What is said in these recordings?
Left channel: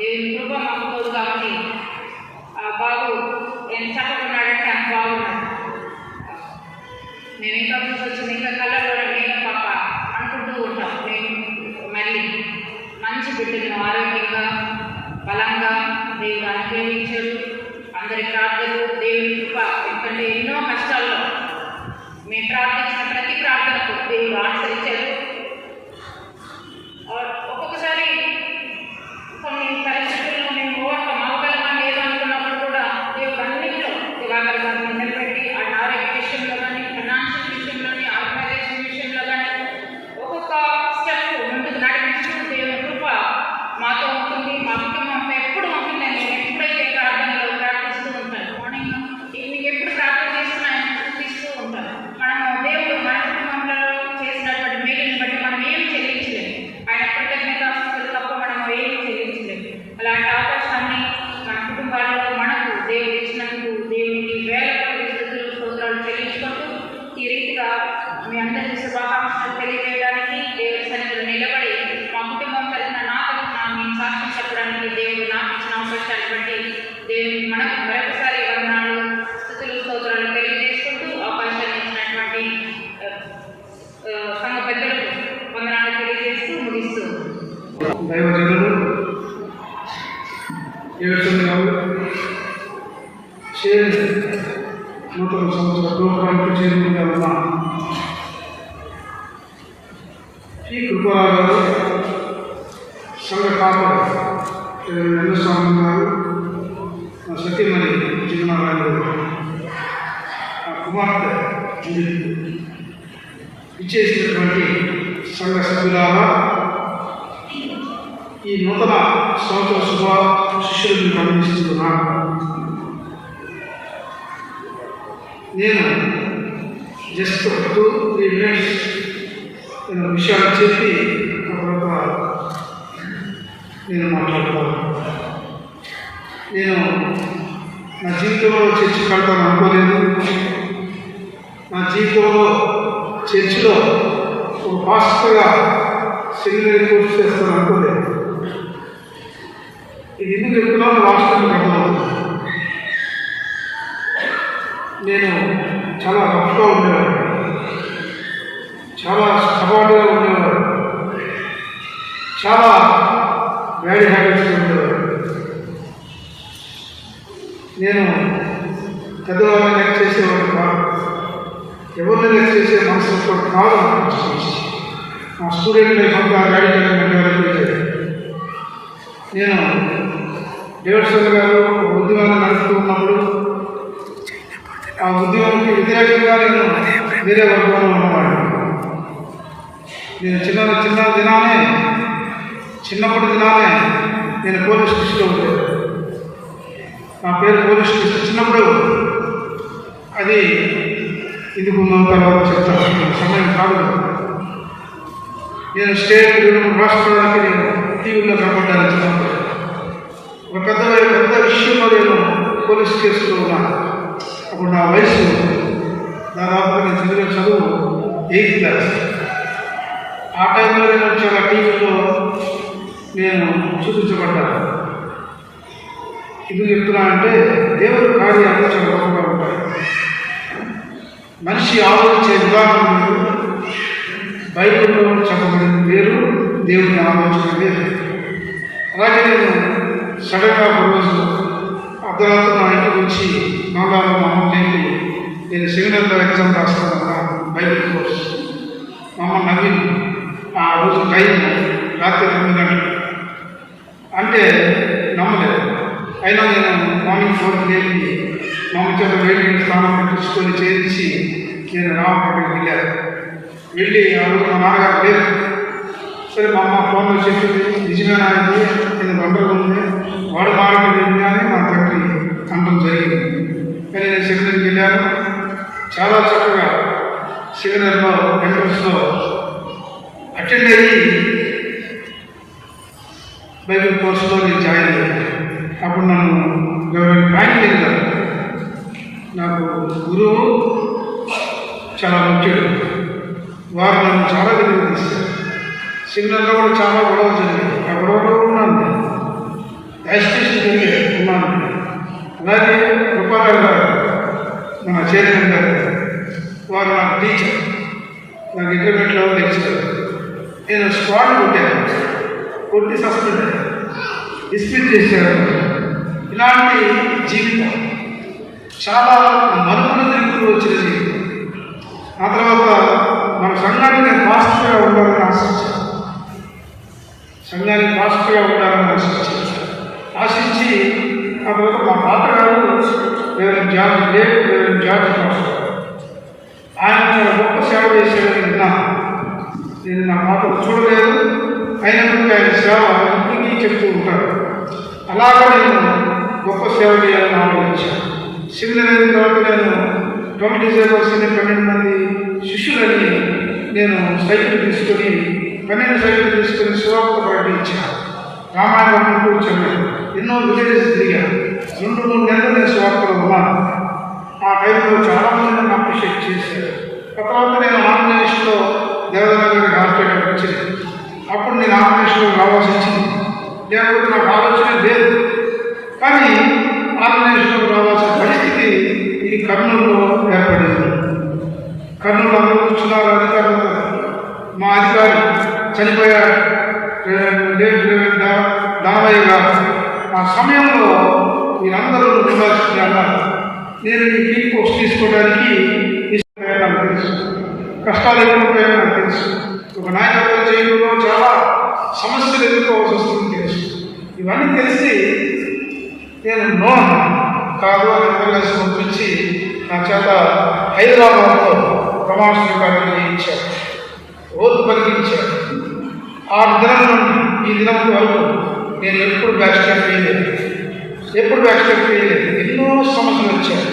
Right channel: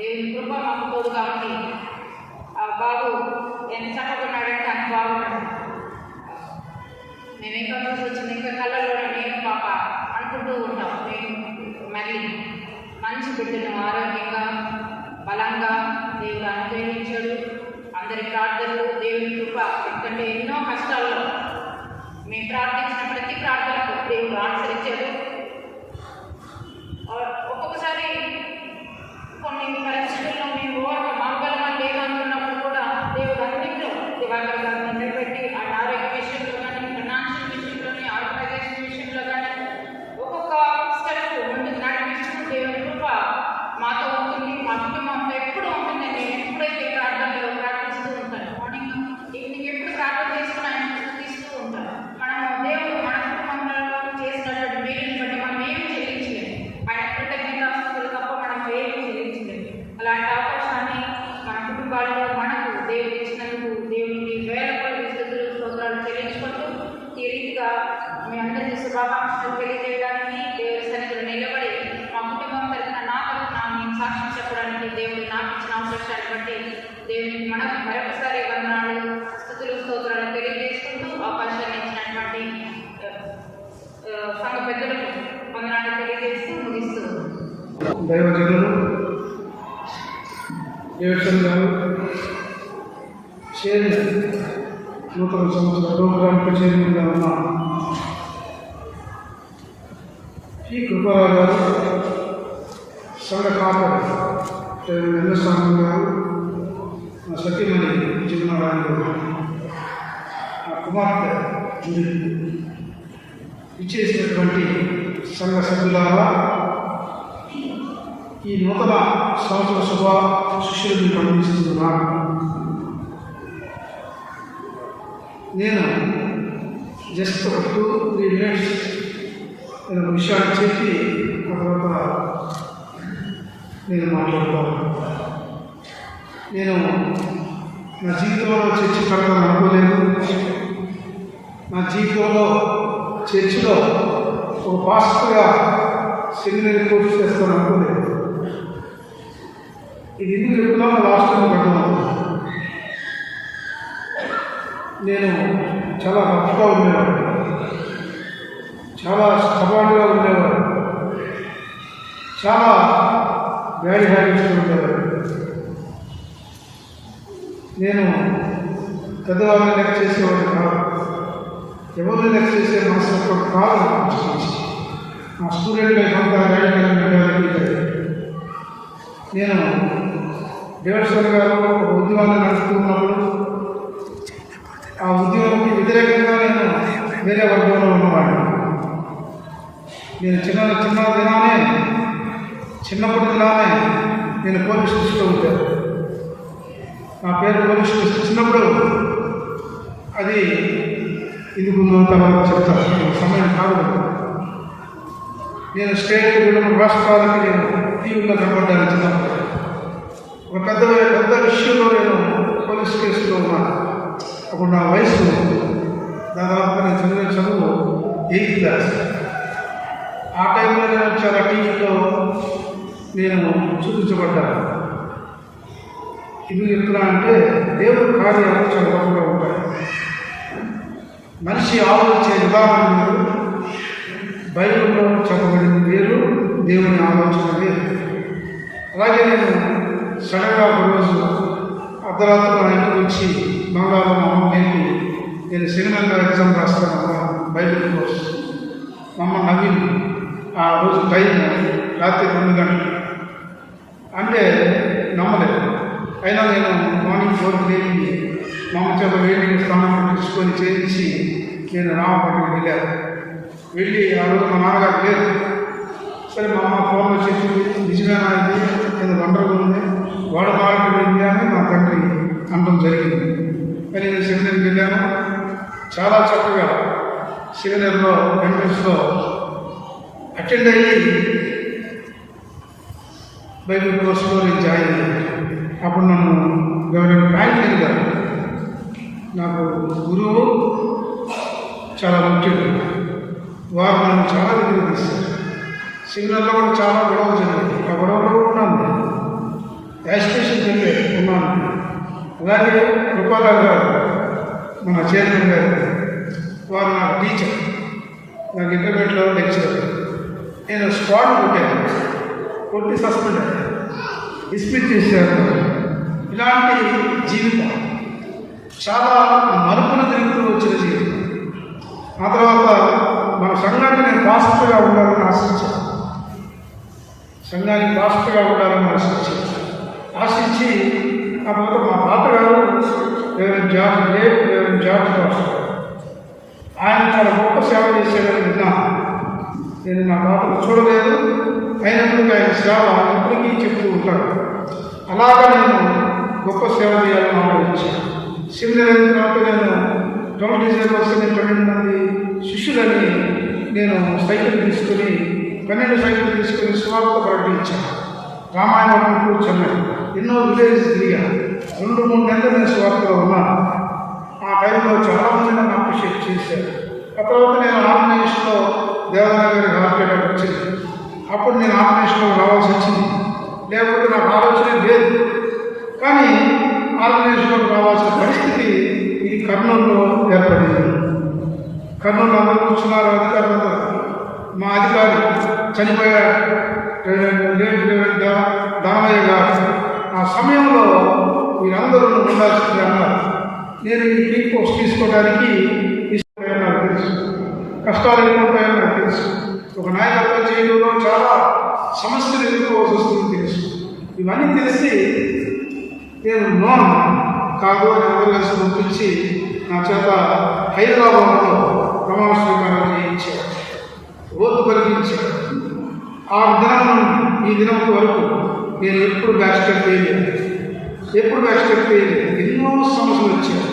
దేవుని కృప మాకు పోదు కాబట్టి ఆ బాబు ఎంత చక్కకున్నాడంటే అంత బాగున్నాడు. మేము ఇంకా వచ్చింది ఇంకా కళ్ళ కూడా నేను పాప అనుకుంటూ ఉంటాం. నేను మళ్ళీ మంచి బిడ్డను ఆరోగ్యంగా బలంగా దేవుడు అనుగ్రహించాడు. అందరి ప్రార్థనలు దేవుని కృప ఎందుకంటే ఎన్నో కష్టాల్లో మేము ప్రార్థన దైవజనులు ఏడుచంద్ర గారు నేను జస్ట్ టూ త్రీ మినిట్స్ నేను విషయాలు చెప్పి ఆ తర్వాత నేను మాట్లాడతాను నేను నా జీవితంలో చర్చి కడతాను అనుకోలేదు. నా జీవితంలో చర్చిలో ఒక పాస్టర్గా సెమినరీ కోర్సు చేస్తాను అనుకోలేదు. ఇది ఎందుకు చెప్తున్నాను లాస్ట్ నేను చాలా రఫ్గా ఉండేవాడు చాలా స్టబాటుగా ఉండేవాడు చాలా బ్యాడ్ హ్యాబిట్స్ ఉండేవాడు నేను పెద్దవాళ్ళని లెక్క చేసేవాడు కాదు. ఎవరిని లెక్క చేసే మనసు కాదు మా స్టూడెంట్ లైఫ్ అంతా రాడికల్ నేను దేవస్థల గారు ఒక ఉద్యమాన్ని నడుపుతూ ఉన్నప్పుడు ఆ ఉద్యోగానికి వ్యతిరేకంగా నేను వేరే వర్గంలో ఉన్నవాడు నేను చిన్న చిన్న దినానే చిన్నప్పటి దినానే నేను పోలీస్ స్టేషన్లో ఉంటాను నా పేరు పోలీస్ స్టేషన్ చిన్నప్పుడు. అది ఇది ముందు తర్వాత చెప్తాను. సమయం కాదు. నేను స్టేట్ విడుదల రాష్ట్రానికి నేను టీవీలో కనబడ్డాను ఒక పెద్ద పెద్ద విషయంలో నేను పోలీస్ కేసులో ఉన్నాను. అప్పుడు నా వయసు దాదాపుగా నేను చదివిన చదువు ఎయిత్ క్లాస్ ఆ టైంలో నేను చాలా టీవీలో నేను చూపించబడ్డాను. ఇది చెప్తున్నానంటే దేవుడి కార్యాలు చాలా గొప్పగా ఉంటాయి మనిషి ఆలోచించే విధానం బైబిల్లో చెప్పబడింది వేరు దేవుని ఆలోచన వేరు అలాగే నేను సడన్గా ఒకరోజు అర్ధరాత్రి నా ఇంటి నుంచి మంగళవారం మా అమ్మ ఏంటి నేను సెమినార్లో ఎగ్జామ్ రాస్తాను అన్నాను బైబిల్ కోర్స్. మా అమ్మ నవీన్ ఆ రోజు టైం రాత్రి తొమ్మిది గంటలు. అంటే నమ్మలేదు. అయినా నేను మార్నింగ్ ఫోర్ లేని మా అమ్మ చేత వేడి స్థానం తీసుకొని పెట్టించుకొని చేయించి నేను రామపట్టికి వెళ్ళాను వెళ్ళి ఆ రోజు మా నాన్నగారు లేదు సరే మా అమ్మ ఫోన్లో చెప్పింది నిజమేనా ఇది? ఇది వండర్గా ఉంది? వాడు మారడం అని మా తండ్రి అనడం జరిగింది. కానీ నేను సెమినర్కి వెళ్ళాను. చాలా చక్కగా సెమినర్లో ఎంట్రన్స్లో అటెండ్ అయ్యి బైబిల్ కోర్సులో నేను జాయిన్ అయ్యాను. అప్పుడు నన్ను గవర్నమెంట్ బ్యాంక్ వెళ్ళారు నాకు గురువు చాలా ముఖ్యుడు. వారు నన్ను చాలా దగ్గర తీశారు. సెమినార్లో కూడా చాలా గొడవ జరిగింది ఆ గొడవలో ఉన్నాను యాజిటేషన్ జరిగే ఉన్నాను అలాగే గోపాలరావు గారు మన చైర్మన్ గారు వారు నాకు టీచర్. నాకు ఇంటర్మీడియట్లో లెక్చరర్ నేను స్క్వాడ్ కొట్టాను. కొట్టి సస్పెండ్ అయ్యాను. డిస్మిస్ చేశారు. ఇలాంటి జీవితం చాలా మరుపుల తిరుగుతూ వచ్చిన జీవితం. ఆ తర్వాత మన సంఘాన్ని నేను పాస్టర్గా ఉండాలని ఆశించాను. సంఘానికి పాస్టర్గా ఉండాలని ఆశించాను. ఆశించి ఆ తర్వాత మా తాతగారు వేరే జార్జ్ లేవు వేరే జార్జ్ పాస్టర్ ఆయన చాలా గొప్ప సేవ చేసేదని విన్నా నేను నా మాటలు చూడలేదు. అయినప్పటికీ ఆయన సేవ ఇప్పటికీ చెప్తూ ఉంటారు అలాగా నేను గొప్ప సేవ చేయాలని ఆలోచించాను. సిమిలర్ అయిన తర్వాత నేను ట్వెల్వ్ డిసెంబర్ సీనియర్ పన్నెండు మంది శిష్యులని నేను సైకిల్ తీసుకొని పన్నెండు సైకిల్ తీసుకొని శివార్త ప్రకటించాను. రామాయణం కూర్చొని ఎన్నో విలేజెస్ తిరిగాను రెండు మూడు నెలలు నేను సువార్తలో ఉన్నాను. ఆ టైంలో చాలామంది నన్ను అప్రిషియేట్ చేశారు. ఆ తర్వాత నేను ఆంధ్రప్రదేశ్లో దేవనగర్ హాస్పిటల్ వచ్చింది. అప్పుడు నేను ఆంధ్రప్రదేశ్లో రావాల్సి వచ్చింది. లేకపోతే నాకు ఆలోచన లేదు. కానీ ఆంధ్రప్రదేశ్లో రావాల్సిన పరిస్థితి ఈ కర్నూలులో ఏర్పడింది. కర్నూలు అందరూ కూర్చున్నారు అధికారులు మా అధికారి చనిపోయారు నేను ఈ క్లీన్ పోస్ట్ తీసుకోవడానికి ఇష్టమైన నాకు తెలుసు కష్టాలు ఎక్కువైనా నాకు తెలుసు ఒక నాయకత్వం చేయడంలో చాలా సమస్యలు ఎదుర్కోవాల్సి వస్తుందని తెలుసు. ఇవన్నీ తెలిసి నేను నో కాదు అని అంబులెన్స్ పంపించి నా చేత హైదరాబాద్లో ప్రమాణ స్వీకారం చేయించాడు రోజు కలిగించాడు ఆ దినం ఈ దినం వరకు నేను ఎప్పుడు బ్యాచ్ క్యాంప్ ఎప్పుడు ఎక్స్పెక్ట్ చేయలేదు. ఎన్నో సమస్యలు వచ్చాయి.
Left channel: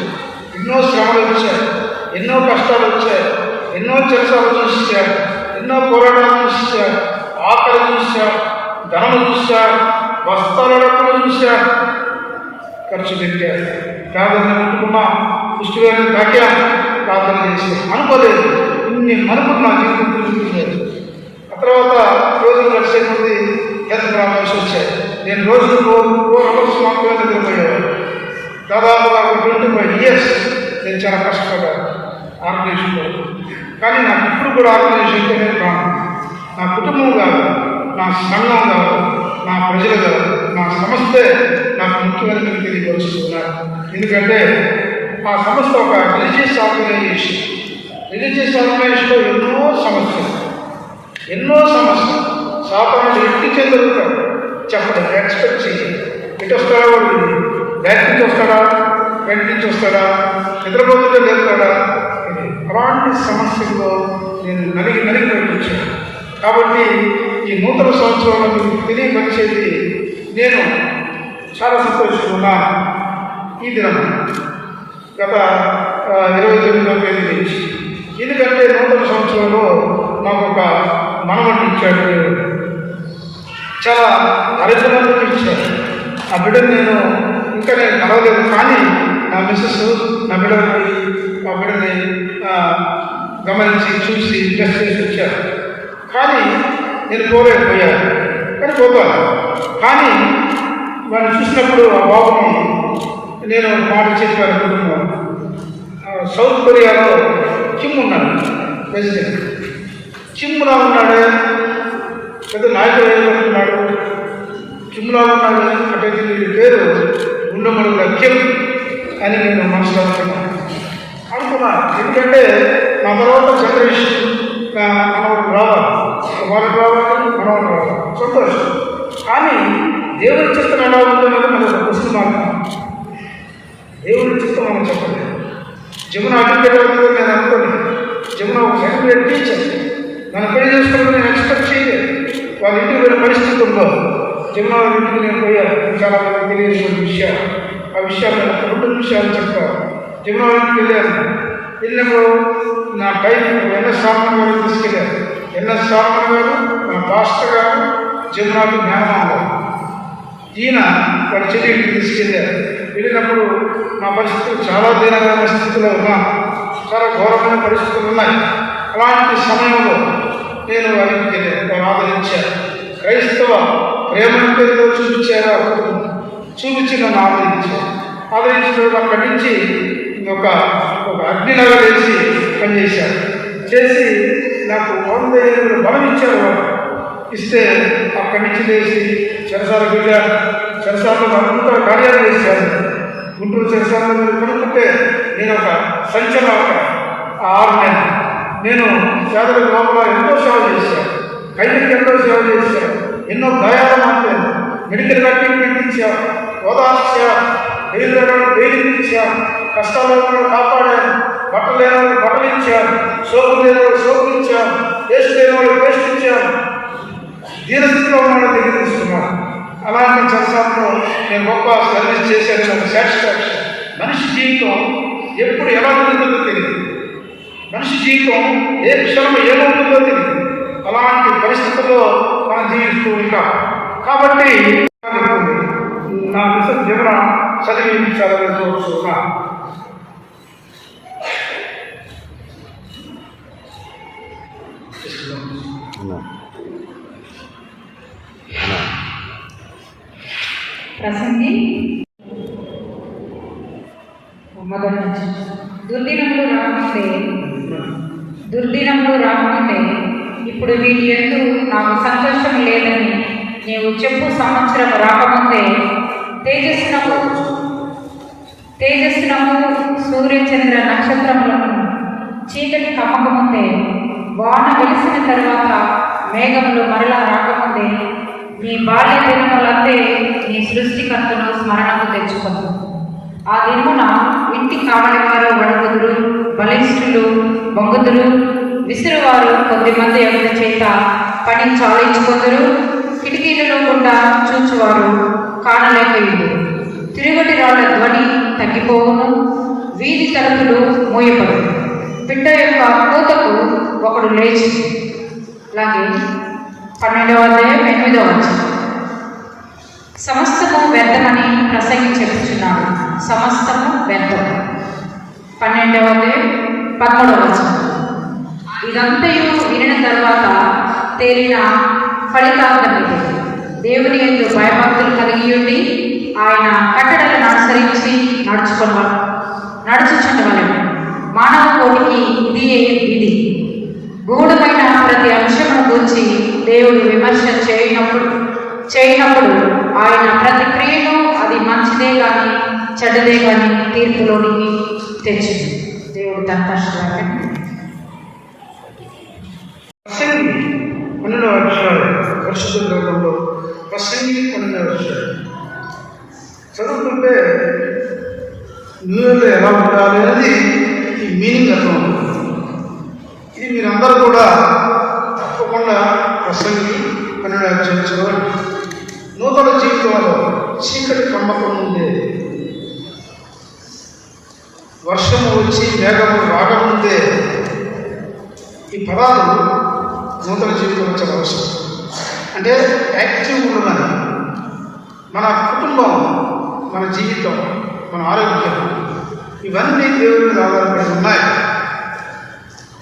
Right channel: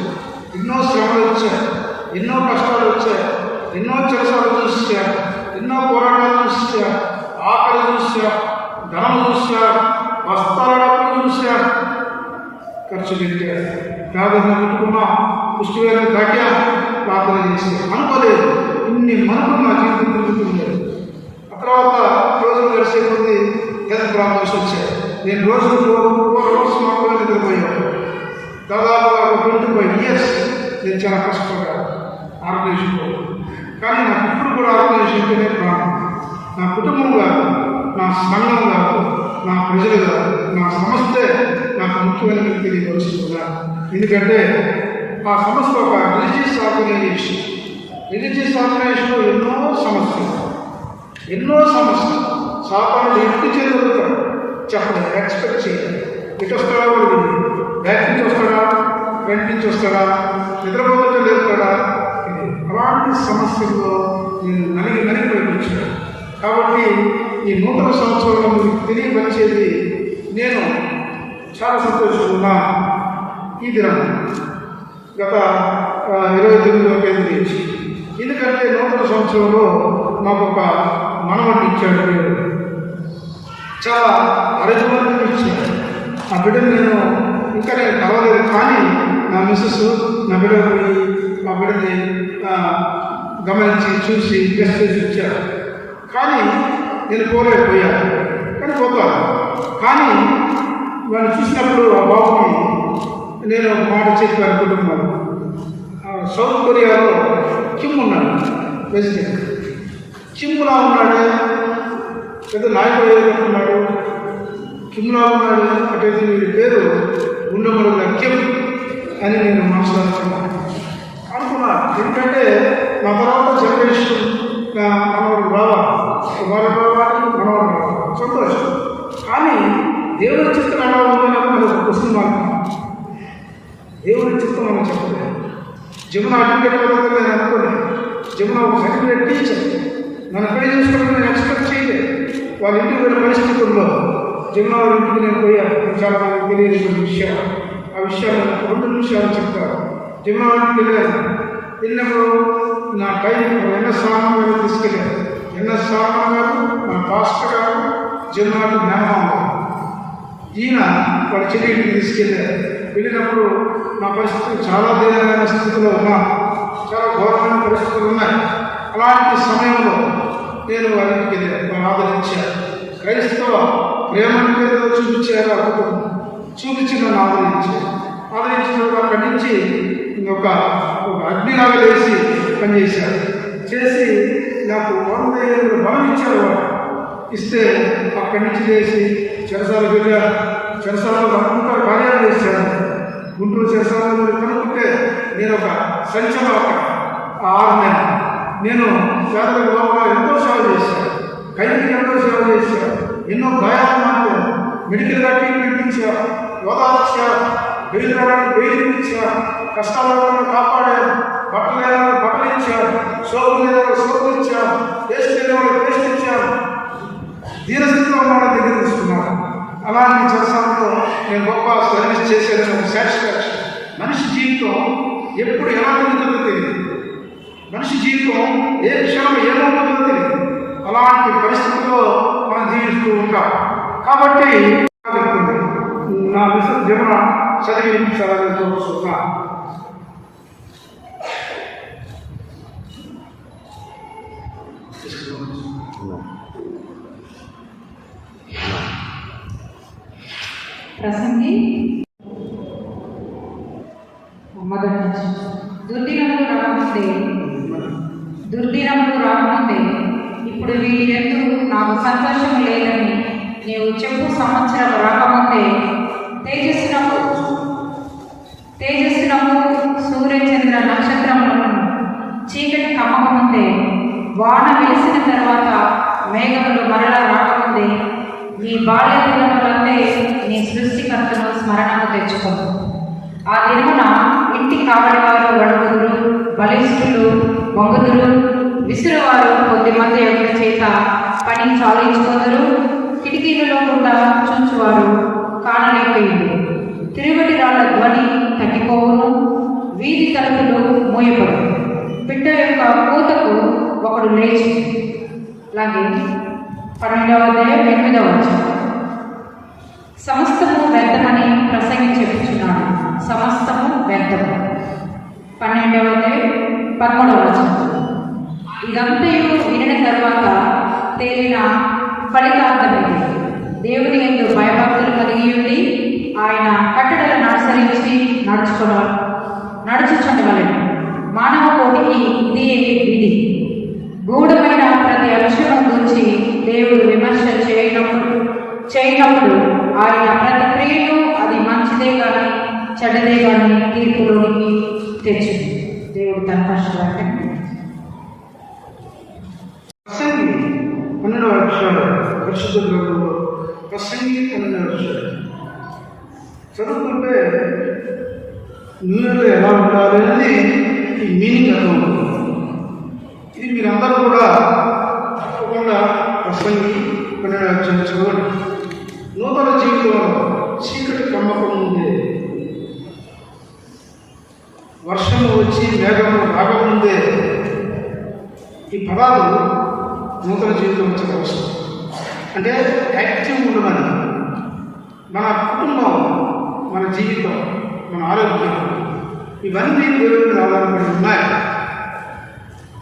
ఎన్నో శ్రమలు వచ్చాయి. ఎన్నో కష్టాలు వచ్చాయి. ఎన్నో చెరసాలు చూసారు ఎన్నో పోరాటాలు చూసారు ఆకలి చూశారు. ధనం చూశారు. వస్త్రాలు చూశారు. ఖర్చు పెట్టారు. ప్రార్థన పెట్టుకున్నా పుష్టిగారిని తాకాను ప్రార్థన చేసి అనుకోలేదు. ఇన్ని మనకు నా జీవితం తిరుగుతుంది ఆ తర్వాత రోజులు గడిచే ముందు హెల్త్ ప్రాబ్లమ్స్ వచ్చాయి. నేను రోజు రోజు ఫోర్ అవర్స్ పోయేవాడు. దాదాపుగా ఒక ట్వంటీ ఫైవ్ ఇయర్స్. నేను చాలా కష్టపడ్డాను ఆర్గనైజేషన్లో కానీ నాకు ఇప్పుడు కూడా ఆర్గనైజేషన్ అంటేనే ప్రాణం నా కుటుంబం కాదు నా సంఘం కాదు నా ప్రజలు కాదు నా సంస్థే నాకు ముఖ్యమైన తెలియపరుచుకున్నాను ఎందుకంటే ఆ సంస్థ ఒక రిలీజియస్ ఆర్గనైజేషన్ రిలీజియస్ ఆర్గనైజేషన్లో ఎన్నో సమస్యలు. ఎన్నో సమస్యలు. సాధారణ ఎట్టి చెందుతాడు చెప్పలేదు ఎక్స్పెక్ట్ చేయాలి ఇటు వస్తాడా వాడు? బ్యాక్ నుంచి వస్తాడా? వెంట నుంచి వస్తాడా? నిద్రపోతుంటే లేపుతాడా? అలాంటి సమస్యల్లో నేను నలిగి నలిగి పెట్టించాను కాబట్టి ఈ నూతన సంవత్సరంలో మీకు తెలియపరిచేది నేను చాలా సంతోషంగా ఈ దినం గత ఇరవై తొమ్మిదో తేదీ నుంచి. ఎందుకంటే నూతన సంవత్సరంలో నాకు ఒక మనవడిని ఇచ్చాడు. దేవుడు చాలా అరచనలు ఇచ్చారు ఆ బిడ్డను నేను ఇంకా నేను కలవలేదు కానీ నా మిస్సెస్ నా బిడ్డ పోయి ఆ బిడ్డని గమనించి చూసి బ్లెస్ చేసి వచ్చారు. కానీ నేను పోలేకపోయాను కానీ పోతాను. కానీ వాళ్ళు చూసినప్పుడు ఆ బాబుని నేను మాట చెప్పాను కుటుంబం సౌత్ కొరియాలో కిమ్ ఉన్నాడు ప్రెసిడెంట్. కిమ్లా ఉన్నాడే? పెద్ద నాయకుడు ఏమనుకున్నాడు కిమ్లా ఉన్నాడు అంటే వీడి పేరు గుండెమడు లక్ష్యం అని నేను మనసులో అనుకున్నాను అనుకున్నా. ఎందుకంటే నా తర్వాత జనరేషన్ మనవాడు రావాలి వారు రావాలి రావాలి సంతోషం. కానీ దేవుడి చిత్తం ఎలా ఉందో మనకు వస్తున్నాను దేవుడి చిత్తం మనం చెప్పలేదు. జమున అడ్వకేట్ నేను అనుకున్నాను జమున ఒక సర్టిఫికేట్ టీచర్. నన్ను పని చేసుకోవడం నేను ఎక్స్పెక్ట్ చేయలేదు. వాళ్ళ ఇంటికి పరిస్థితుల్లో పరిస్థితి ఉందో? ఇంటికి నేను పోయాను చాలా మంది తెలియని విషయాలు ఆ విషయాలు రెండు విషయాలు చెప్తాను జమున ఇంటికి వెళ్ళాను. వెళ్ళినప్పుడు నా టైం ఎన్ఎస్ రామన్ గారు తీసుకెళ్ళారు. ఎన్ఎస్ గారు నా పాస్టర్ గారు జమునాకు జ్ఞానం ఈయన వాళ్ళ చెల్లి ఇంటికి తీసుకెళ్ళారు. వెళ్ళినప్పుడు నా పరిస్థితులు చాలా దీనమైన స్థితిలో ఉన్నా చాలా ఘోరమైన పరిస్థితులు ఉన్నాయి. అలాంటి సమయంలో నేను వారికి ఇంటికి వెళ్ళాను క్రైస్తవ ప్రేమను ఏదో చూపించారు చూపించి నన్ను ఆదరించారు. ఆదరించినప్పుడు అక్కడి నుంచి ఒక ఒక అగ్నిలాగా లేచి పనిచేశారు. చేసి నాకు వంద ఏళ్ళు బలం ఇచ్చారు ఇస్తే అక్కడి నుంచి లేచి చెరసాల వెళ్ళారు చెరసాలలో అంతా కార్యాలు చేశాను గుంటూరు చెరసాలలో కనుక్కుంటే నేను ఒక సంచలనం ఆరు నెలలు. నేను పేదల లోపల ఎంతో సేవ చేశాను. ఖైదీకి ఎంతో సేవ చేశాను. ఎన్నో గాయాలు మాట్లాడు మెడికల్ ట్రీట్మెంట్ ఇచ్చాను ఓదార్చాను బెయిల్ రావడానికి బెయిల్ ఇచ్చాను కష్టాల కాపాడాను. బట్టలు లేని బట్టలు ఇచ్చాను సోపు లేని సోపు ఇచ్చాను పేస్ట్ లేని వాళ్ళు పేస్ట్ ఇచ్చాను దీనస్థితిలో ఉన్న దగ్గర తీసుకున్నాను. అలాంటి చరసాలలో నేను గొప్ప సర్వీస్ చేశాను. సాటిస్ఫాక్షన్. మనిషి జీవితం ఎప్పుడు ఎలా ఉంటుందో తెలియదు. మనిషి జీవితం ఏ క్షణం ఏమవుతుందో తెలియదు. అలాంటి పరిస్థితుల్లో మనం జీవిస్తూ ఉంటాం. కాబట్టి నా మిస్టర్ జీవన చదివించాలని కోరుతున్నా ప్రసంగి. మొదటి నుంచి దుర్దినములు దుర్దినములు రాకుంటే ఇప్పుడు వీటి ఎందు నాకు సంతోషం లేదని నీవు చెప్పు సంవత్సరం రాకముందే తేజస్సునము తేజస్సునము సూర్యచంద్ర నక్షత్రములను చీకటి కమ్మకముందే వాన వెలిసిన తర్వాత మేఘములు మరలా రాకముందే నీ బాల్య దినములందే సృష్టికర్తను స్మరణకు తెచ్చుకో ఆ దినమున ఇంటి కావలివారు వణకుదురు బలిష్ఠులు బొంగుదురు విసిరువారు కొద్దిమంది ఎవరి చేత పని చాలించుకొందరు కిటికీలలో కూడా చూచువారు కానలేకపోయింది తిరుగుటి రాళ్ళ ధ్వని తగ్గిపోవును వీధి తలుపులు మూయపడు బిడ్డ యొక్క కూతకు ఒకడు లేచి అలాగే పన్నెండవ అధ్యాయం ఎనిమిదవ వచ్చింది సమస్తము వ్యర్థమని ప్రసంగి చెప్పుచున్నాడు. సమస్తము వ్యర్థము. పన్నెండవ అధ్యాయం పదమూడవ వచనం. ఇదంతయు వినిన తర్వాత తేలిన ఫలితార్థం దేవుని ఎందు భయభక్తులు కలిగి ఉండి ఆయన కట్టడలను అనుసరించి నడుచుకున్న నడుచుచుండవలను. మానవ కోటికి ఇది విధి? గూఢమైన ప్రతి అంశం గురించి దేవుడు విమర్శ చేయనప్పుడు చేయనప్పుడు ఆయన ప్రతి క్రియను అది మంచిదే కానీ చెడ్డదే కానీ తీర్పులోనికి తెచ్చింది దేవుడు తన కష్టాన్ని ప్రసంగి పన్నెండవ అధ్యాయం పరిశుద్ధ గ్రంథంలో ప్రసంగి పన్నెండవ అధ్యాయం చదువుకుంటే న్యూయర్లో ఎలా ఉండాలి అనేది ఈ మీనింగ్ అర్థం అవుతుంది. ఇది మీరందరూ కూడా తప్పకుండా ప్రసంగి పన్నెండవ అధ్యాయం చదవండి నూతన జీవితంలో చీకటి కమ్మకం ఉండేది వర్షము వచ్చి మేఘము రాకముందే ఈ పదాలు నూతన జీవితం వచ్చే అవసరం అంటే యాక్టివ్ ఉండదని మన కుటుంబం మన జీవితం మన ఆరోగ్యం ఇవన్నీ దేవుడి మీద ఆధారపడి ఉన్నాయి.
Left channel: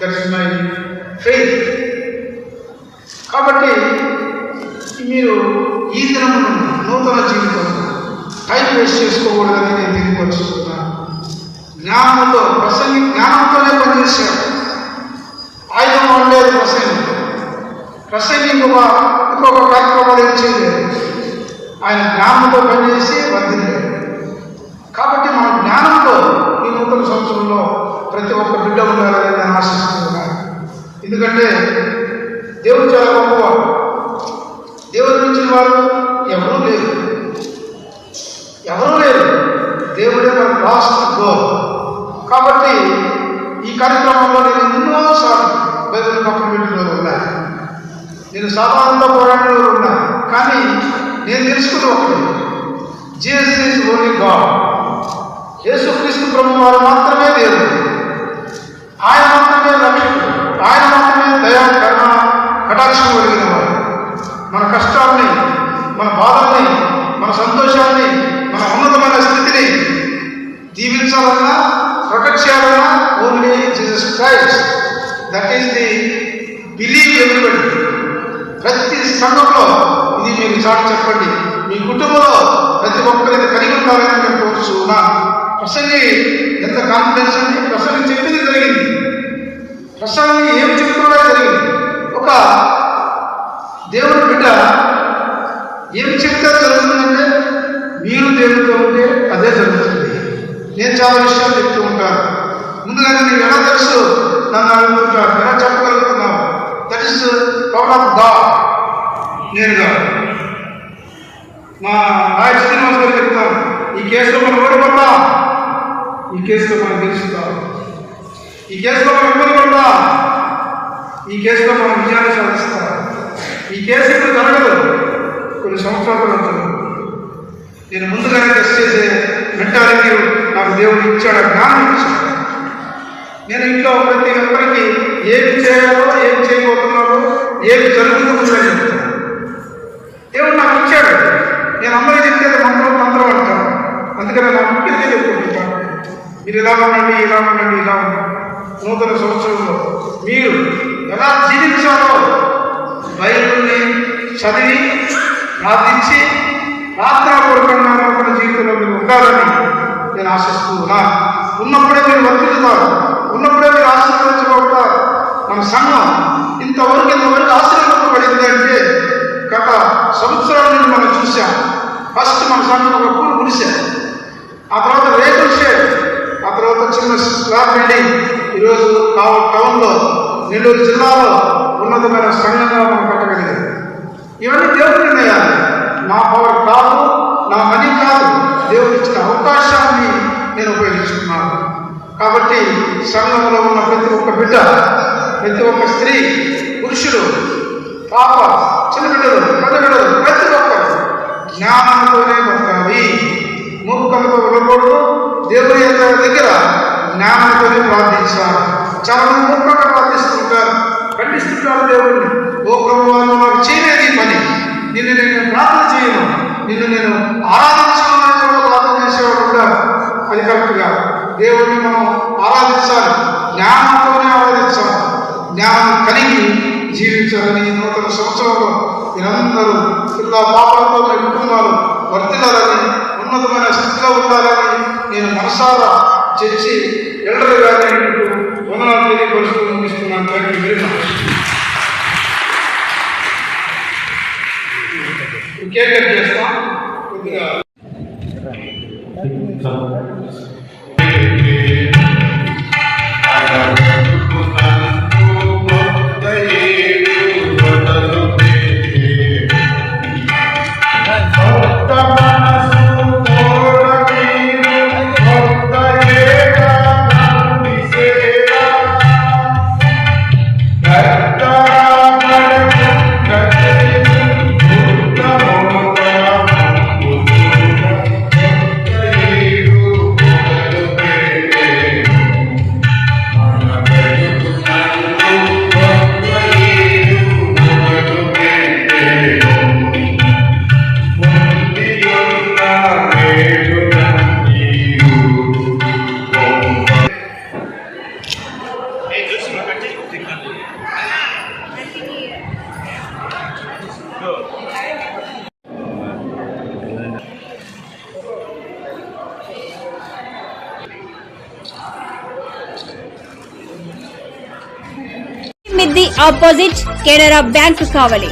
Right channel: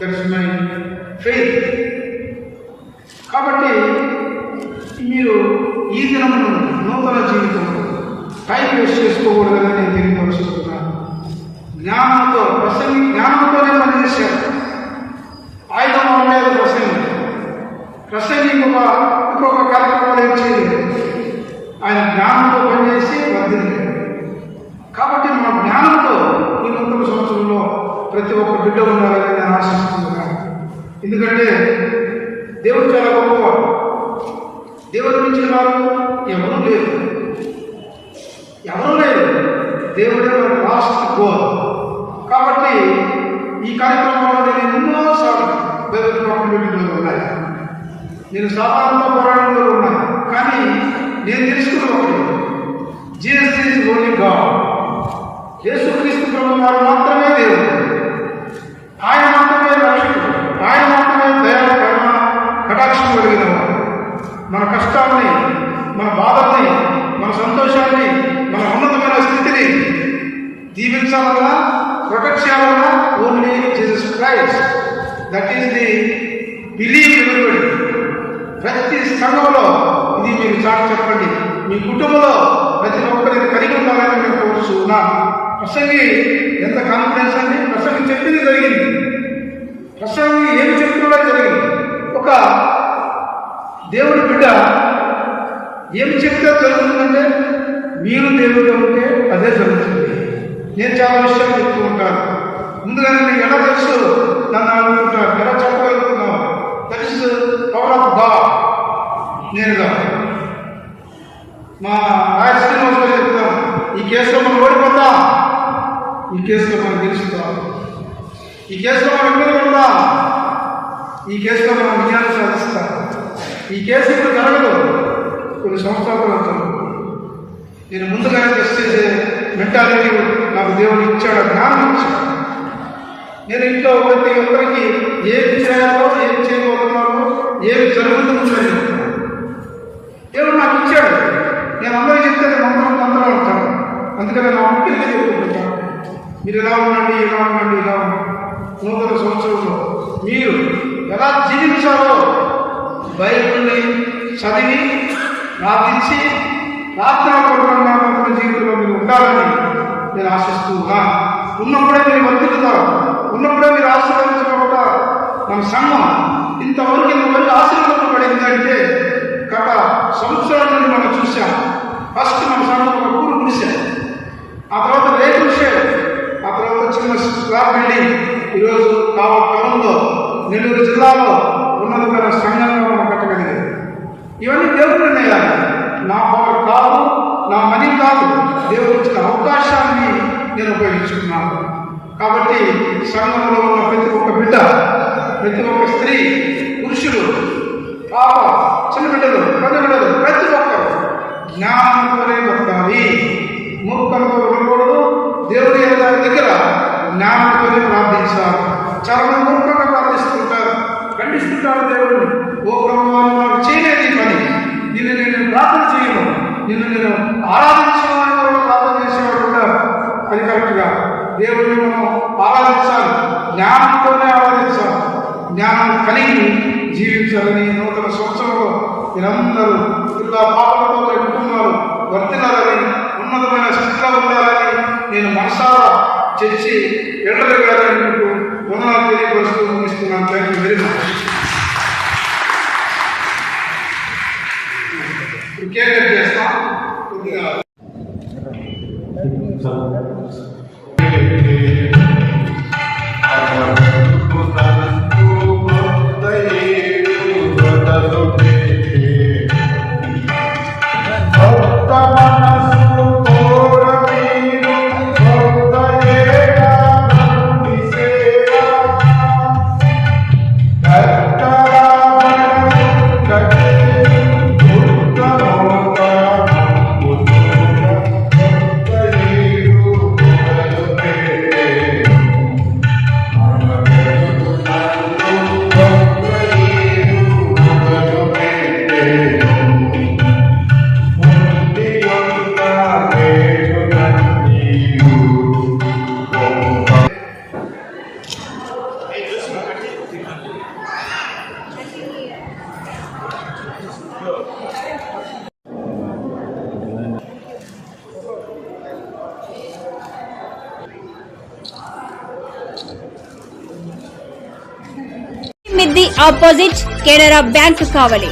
దట్స్ మై ఫెయిత్ కాబట్టి మీరు ఈ దినమును నూతన జీవితం టైం వేస్ట్ చేసుకోకూడదని నేను తెలియపరుస్తున్నాను జ్ఞానంతో ప్రసంగి జ్ఞానంతోనే పనిచేసాడు ఆయుధం ఉండేది ప్రసంగి. ప్రసంగి ఇంకొక ఇంకొక కార్యక్రమాలు ఏం ఆయన జ్ఞానంతో పనిచేసి వర్ధిల్లాడు. కాబట్టి మన జ్ఞానంతో ఈ నూతన సంవత్సరంలో ప్రతి ఒక్క బిడ్డ ఉండాలని నేను ఆశిస్తున్నాను. ఎందుకంటే దేవుడు చాలా గొప్పవాడు. దేవుడు మించిన వారు ఎవరూ లేరు. ఎవరూ లేరు. దేవుడే మన లాస్ట్ గోల్ కాబట్టి ఈ కార్యక్రమంలో నేను ఎన్నోసార్లు బైబిల్ కమ్యూనిటీలో ఉన్నా. నేను సాధారణంగా పోరాటంలో ఉన్నా. కానీ నేను తెలుసుకున్న ఒకటి. జీఎస్ ఈజ్ ఓన్లీ గాడ్ యేసుక్రీస్తు బ్రహ్మ వారు మాత్రమే దేవుడు. ఆయన మాత్రమే రక్షకుడు. ఆయన మాత్రమే దయా కరుణ కటాక్షం కలిగిన వాడు మన కష్టాల్ని మన బాధల్ని మన సంతోషాన్ని మన ఉన్నతమైన స్థితిని దీవించాలన్నా ప్రొటెక్ట్ చేయాలన్నా only Jesus Christ that is the believe everybody ప్రతి సంఘంలో ఇది మీరు చాటి చెప్పండి మీ కుటుంబంలో ప్రతి ఒక్కరికి కలిగి ఉండాలని నేను కోరుచున్నా ప్రసంగి ఎంత కాన్ఫిడెన్స్ అండి ప్రసంగి చెప్పింది జరిగింది ప్రసంగి ఏం చెప్తున్నా జరిగింది ఒక దేవుడి బిడ్డ ఏం చెప్తే జరుగుతుందంటే మీరు దేవుడితో ఉంటే అదే జరుగుతుంది నేను చాలా విషయాలు చెప్తూ ఉంటాను ముందుగానే నీకు ఎలా తెలుసు నన్ను అడుగుతుంటాను ఎలా చెప్పగలుగుతున్నావు దట్ ఇస్ పవర్ ఆఫ్ నేనుగా. మా రాజ శ్రీనివాస్ గారు చెప్తాం ఈ కేసులో మనం ఓడిపోతాం ఈ కేసులో మనం గెలుచుతాం ఈ కేసులో మనం ఇబ్బంది పడతాం ఈ కేసులో మనం విజయాన్ని సాధిస్తాం. ఈ కేసు ఇప్పుడు జరగదు? కొన్ని సంవత్సరాల తర్వాత నేను ముందుగానే టెస్ట్ చేసే మెంటాలిటీ నాకు దేవుడు ఇచ్చాడు? జ్ఞానం ఇచ్చాడు? నేను ఇంట్లో ప్రతి ఒక్కరికి ఏం చేయాలో ఏం చేయకూడదు ఏమి జరుగుతుందని చెప్తాను దేవుడు నాకు ఇచ్చాడు. నేను అందరూ చెప్తే మంత్రం మంత్రం అంటాను. అందుకని నా ముఖ్యంగా చెప్పుకుంటాను మీరు ఇలా ఉండండి ఇలా ఉండండి ఇలా ఉండండి. నూతన సంవత్సరంలో మీరు ఎలా జీవించాలో బైబిల్ని చదివి ప్రార్థించి ప్రార్థన పూర్వకంగా జీవితంలో మీరు ఉండాలని నేను ఆశిస్తూ ఉన్నాను ఉన్నప్పుడే మీరు వర్తిల్లుతారు ఉన్నప్పుడే మీరు ఆశీర్వదించబడతారు. మన సంఘం ఇంతవరకు ఇంతవరకు ఆశీర్వదించబడింది అంటే గత సంవత్సరాల నుండి మనం చూసాం ఫస్ట్ మన సంఘం ఒక కూడు గుడిసె. ఆ తర్వాత రేకుల షేడ్ ఆ తర్వాత చిన్న స్లాబ్ బిల్డింగ్. ఈరోజు కావ టౌన్లో నెల్లూరు జిల్లాలో ఉన్నతమైన సంఘంగా మనం కట్టగలిగింది ఇవన్నీ దేవుడు నిర్ణయాలు. నా పవర్ కాదు నా మనీ కాదు. దేవుడు ఇచ్చిన అవకాశాన్ని నేను ఉపయోగించుకున్నాను. కాబట్టి సంఘంలో ఉన్న ప్రతి ఒక్క బిడ్డ ప్రతి ఒక్క స్త్రీ పురుషులు పాప చిన్న బిడ్డలు పెద్ద బిడ్డలు ప్రతి ఒక్కరు జ్ఞానంతోనే బతకాలి. మూర్ఖలతో ఉండకూడదు. దేవుని యొక్క దగ్గర జ్ఞానంతోనే ప్రార్థించాలి. చాలా మంది మూర్ఖంగా ప్రార్థిస్తుంటారు. ఖండిస్తుంటారు దేవుడిని. ఓ ప్రభువా వచ్చి ఇలా పాపలతో మీ వర్తిల్లాలని ఉన్నతమైన స్థితిలో ఉండాలని నేను మనసారా చర్చి ఎల్లరి గారిని వందనాలు తెలియపరుస్తూ ముగిస్తున్నాను. Thank you very much cake cut చేస్తాం. కొద్దిగా ఆపోజిట్ కెనరా బ్యాంక్ కావలి.